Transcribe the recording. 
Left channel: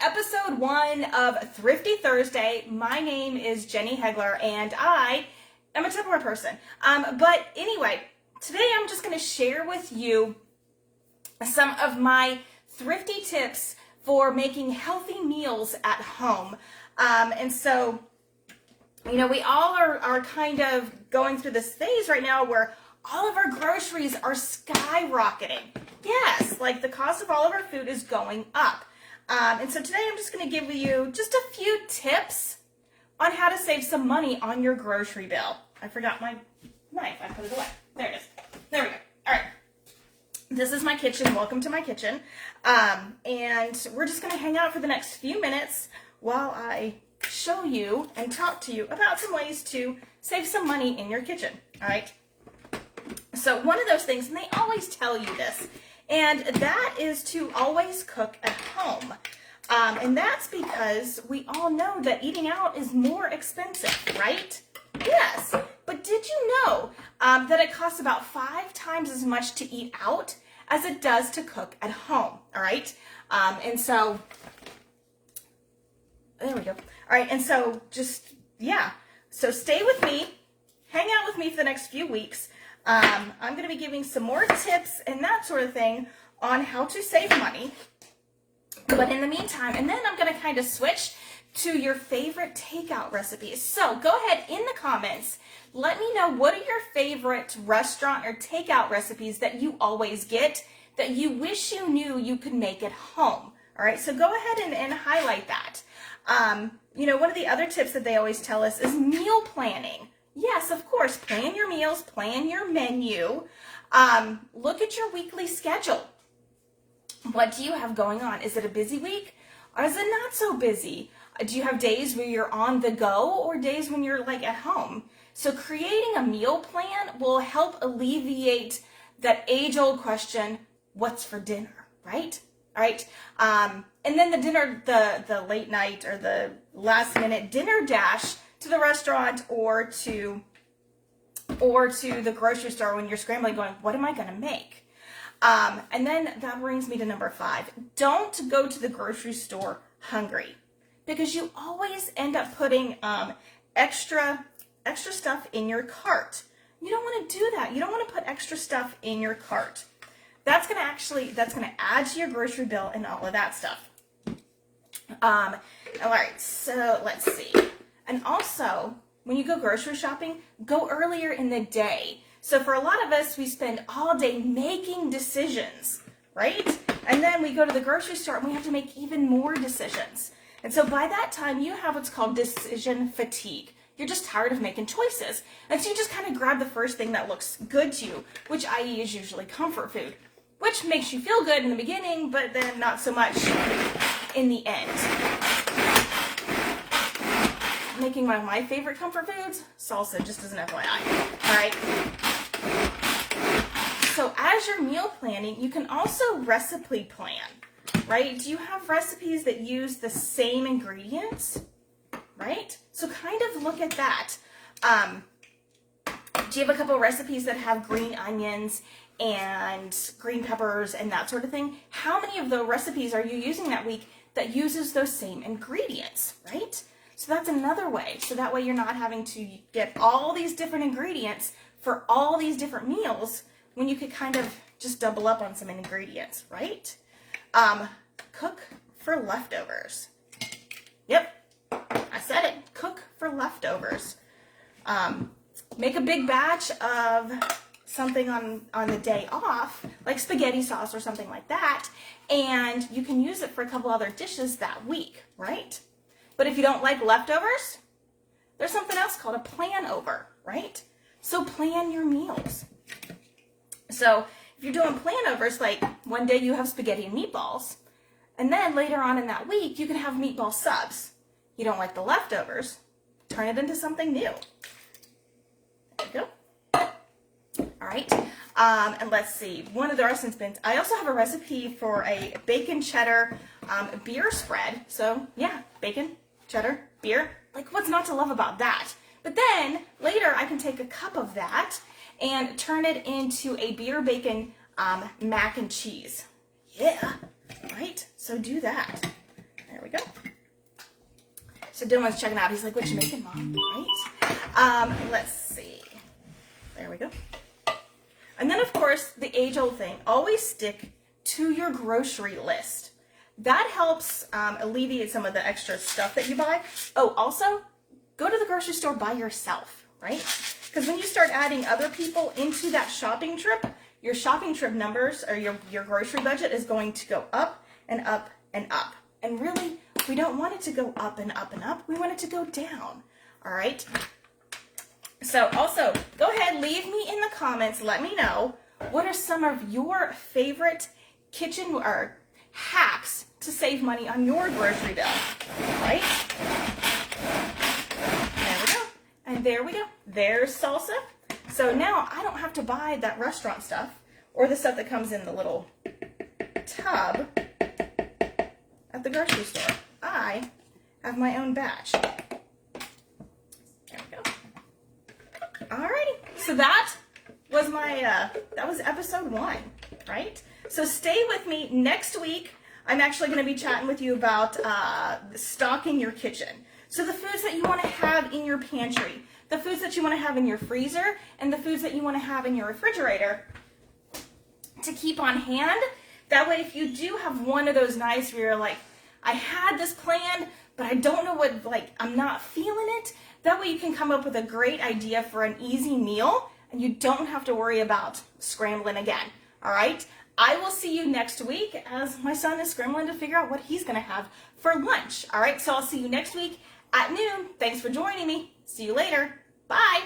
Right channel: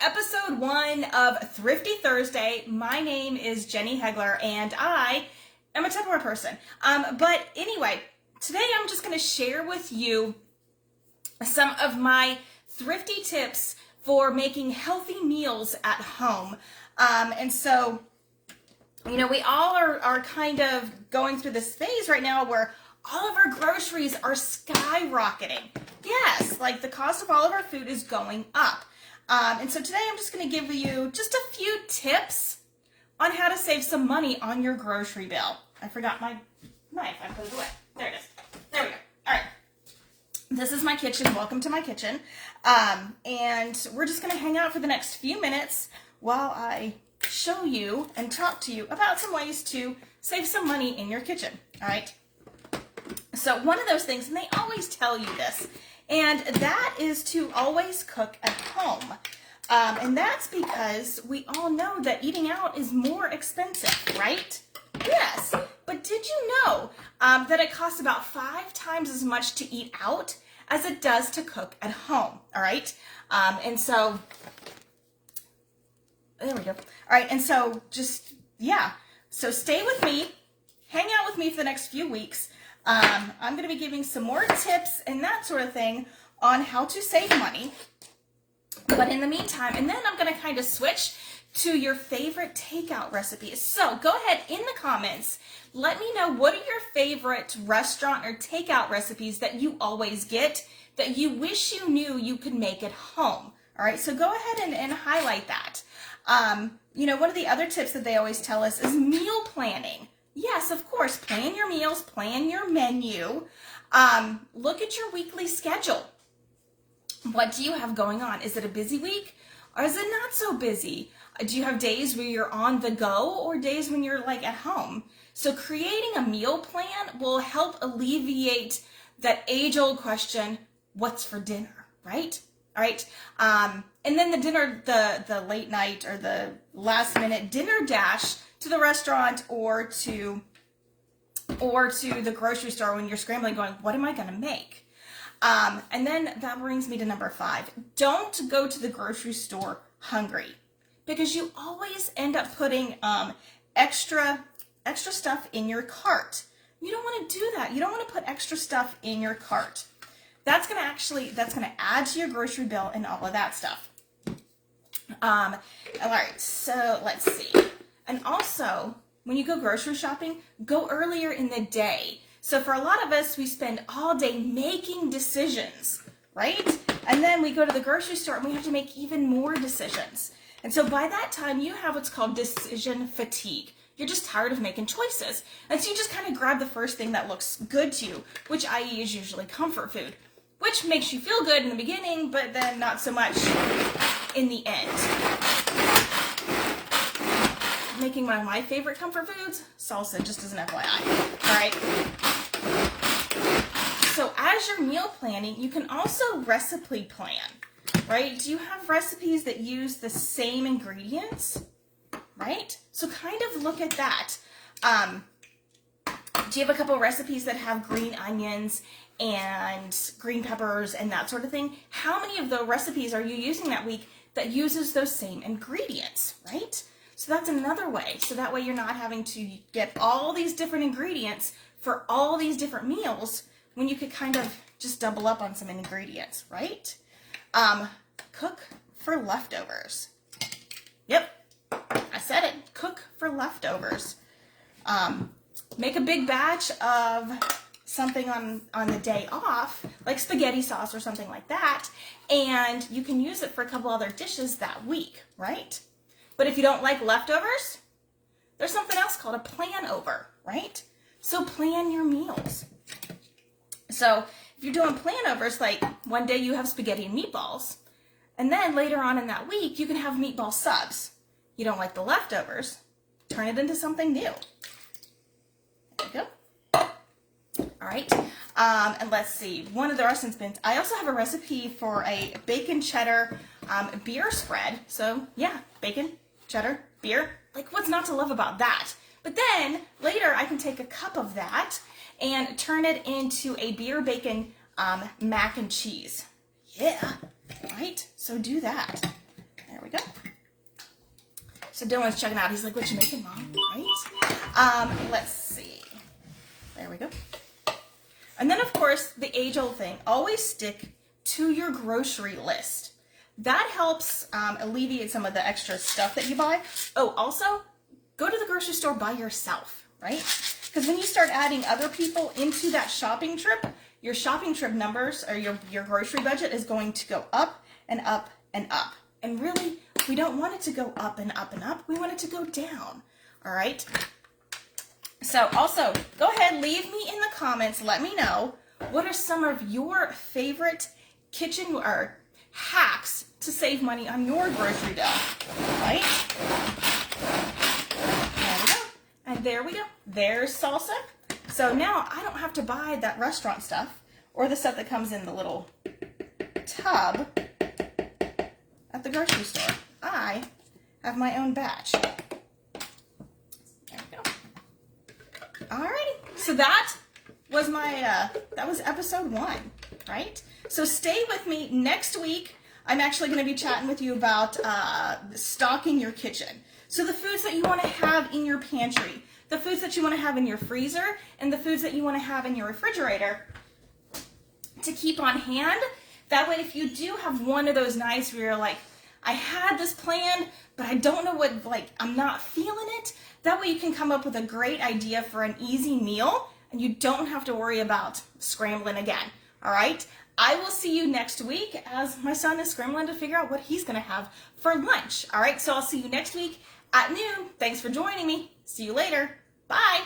episode 1 of Thrifty Thursday. My name is Jenny Hegler and I am a Tupperware person. But anyway, today I'm just going to share with you some of my thrifty tips for making healthy meals at home. And so, you know, we all are kind of going through this phase right now where all of our groceries are skyrocketing. Yes, like the cost of all of our food is going up. And so today I'm just going to give you just a few tips on how to save some money on your grocery bill. I forgot my knife. I put it away. There it is. There we go. All right. This is my kitchen. Welcome to my kitchen. And we're just going to hang out for the next few minutes while I show you and talk to you about some ways to save some money in your kitchen. All right. So one of those things, and they always tell you this, and that is to always cook at home. And that's because we all know that eating out is more expensive, right? Yes, but did you know that it costs about 5 times as much to eat out as it does to cook at home, all right? And so, there we go. All right, and so just, yeah. So stay with me, hang out with me for the next few weeks. I'm going to be giving some more tips and that sort of thing on how to save money. But in the meantime, and then I'm going to kind of switch to your favorite takeout recipes. So go ahead in the comments, let me know what are your favorite restaurant or takeout recipes that you always get that you wish you knew you could make at home. All right, so go ahead and highlight that. You know, one of the other tips that they always tell us is meal planning. Yes, of course, plan your meals, plan your menu. Look at your weekly schedule. What do you have going on? Is it a busy week or is it not so busy? Do you have days where you're on the go or days when you're like at home? So creating a meal plan will help alleviate that age-old question, what's for dinner, right? All right. And then the dinner, the late night or the last minute dinner dash to the restaurant or to the grocery store when you're scrambling going, what am I going to make? And then that brings me to number 5. Don't go to the grocery store hungry because you always end up putting extra stuff in your cart. You don't want to do that. You don't want to put extra stuff in your cart. That's going to add to your grocery bill and all of that stuff. All right, so let's see. And also, when you go grocery shopping, go earlier in the day. So for a lot of us, we spend all day making decisions, right? And then we go to the grocery store and we have to make even more decisions. And so by that time, you have what's called decision fatigue. You're just tired of making choices. And so you just kind of grab the first thing that looks good to you, which i.e. is usually comfort food, which makes you feel good in the beginning, but then not so much in the end. Making one of my favorite comfort foods, salsa, just as an FYI, all right? So as you're meal planning, you can also recipe plan, right? Do you have recipes that use the same ingredients, right? So kind of look at that. Do you have a couple of recipes that have green onions and green peppers and that sort of thing? How many of the recipes are you using that week that uses those same ingredients, right? So that's another way. So that way you're not having to get all these different ingredients for all these different meals when you could kind of just double up on some ingredients, right? Cook for leftovers. Yep, I said it. Cook for leftovers. Make a big batch of something on the day off, like spaghetti sauce or something like that, and you can use it for a couple other dishes that week, right? But if you don't like leftovers, there's something else called a plan over, right? So plan your meals. So if you're doing plan overs, like one day you have spaghetti and meatballs, and then later on in that week, you can have meatball subs. You don't like the leftovers, turn it into something new. There you go. All right. And let's see, one of the restaurants bins. I also have a recipe for a bacon cheddar beer spread. So yeah, bacon, cheddar, beer. Like, what's not to love about that? But then later I can take a cup of that and turn it into a beer bacon mac and cheese. Yeah, right? So do that. There we So Dylan's checking out. He's like, what you making, Mom? Right? Let's see. There we go. And then, of course, the age-old thing. Always stick to your grocery list. That helps alleviate some of the extra stuff that you buy. Oh, also, go to the grocery store by yourself, right? Because when you start adding other people into that shopping trip, your shopping trip numbers or your grocery budget is going to go up and up and up. And really, we don't want it to go up and up and up. We want it to go down, all right? So also, go ahead, leave me in the comments. Let me know what are some of your favorite kitchen or hacks to save money on your grocery bill, right? There we go. And there we go. There's salsa. So now I don't have to buy that restaurant stuff or the stuff that comes in the little tub at the grocery store. I have my own batch. There we go. Alrighty. So that was my, that was episode 1, right? So stay with me next week. I'm actually going to be chatting with you about stocking your kitchen. So the foods that you want to have in your pantry, the foods that you want to have in your freezer, and the foods that you want to have in your refrigerator to keep on hand. That way, if you do have one of those nights where you're like, I had this planned, but I don't know what, like, I'm not feeling it. That way you can come up with a great idea for an easy meal, and you don't have to worry about scrambling again, all right? I will see you next week as my son is scrambling to figure out what he's going to have for lunch, all right? So I'll see you next week at noon. Thanks for joining me. See you later. Bye.